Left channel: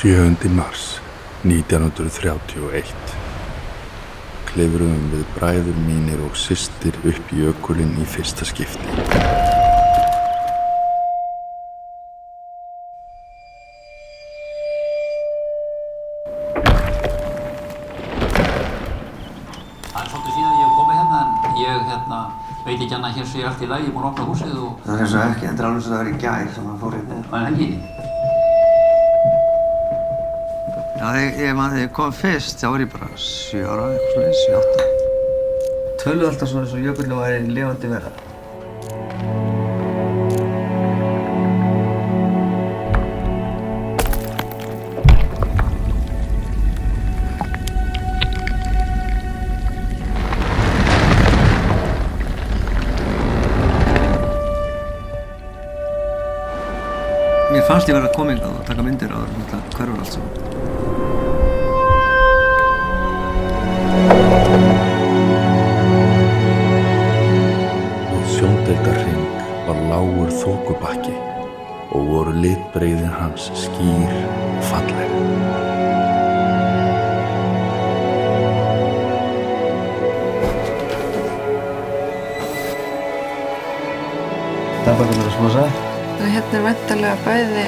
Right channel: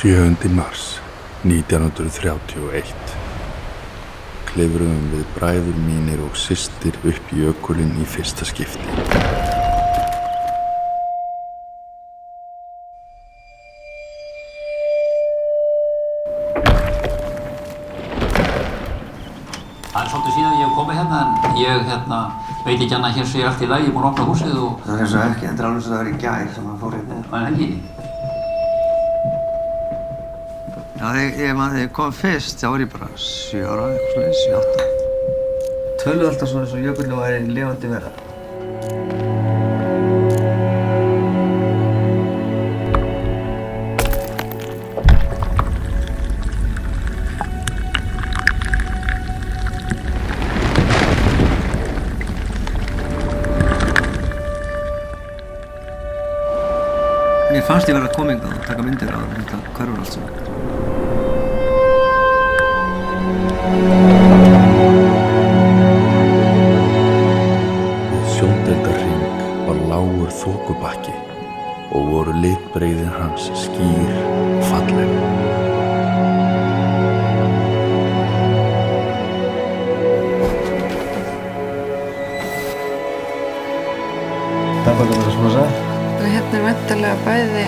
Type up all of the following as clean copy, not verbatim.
7. mars 1931 klifruðum við bræður mínir og systir upp jökulinn í fyrsta skipti. Það svolítið síðan ég hef komið hérna en ég veit ekki annað hér sé allt í lagi, ég er búinn að opna húsið og... Það er eins og ekki, en það er alveg svo það var í gær sem hann fór hérna. Það er ekki? Já, ég man þegar ég kom fyrst, þá var ég bara 7 ára, eitthvað svoleiðis, 7, 8. Töluðu alltaf svona eins og jökullinn væri lifandi vera. Mér fannst ég verið að koma hingað og taka myndir á þetta hverfur allt saman. Við Sjóndeildarhring var lágur þokubakki og voru litbrigðin hans skýr og falleg. Dagbækurnar sem hann sagði. Hérna er væntanlega bæði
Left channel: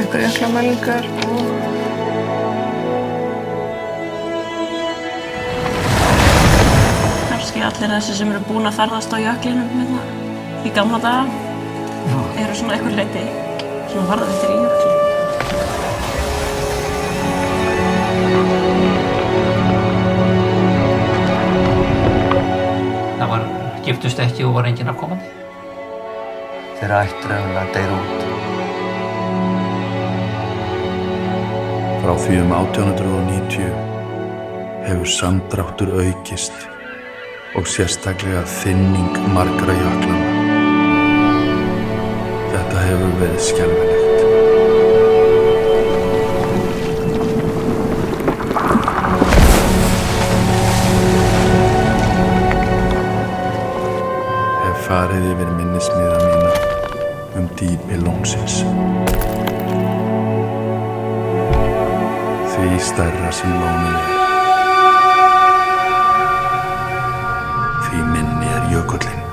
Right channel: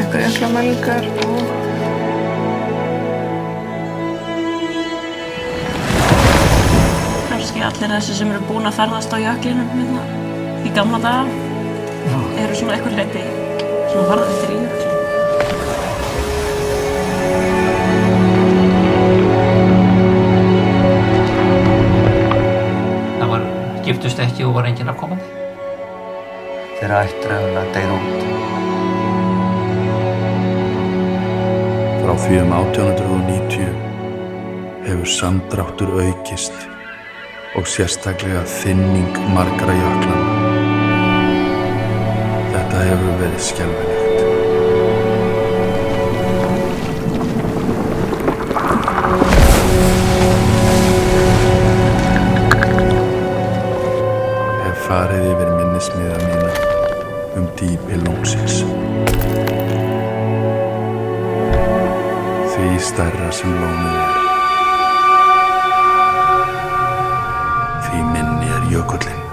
einhverjar jöklamælingar og kannski allir þessi sem eru búin að ferðast á jöklinum hérna í gamla daga eru svona einhver leyti svona varðveittir í jöklinum. Það var giftust ekki og var enginn afkomandi. Þeirra ættur auðvitað deyr út. Frá því 1890 hefur samdráttur aukist og sérstaklega þynning margra jöklanna. Þetta hefur verið skelfilegt. Hef farið yfir minnismiða mína dýpi lónsins. Því stærra sem lónið er, því minni er jökullinn.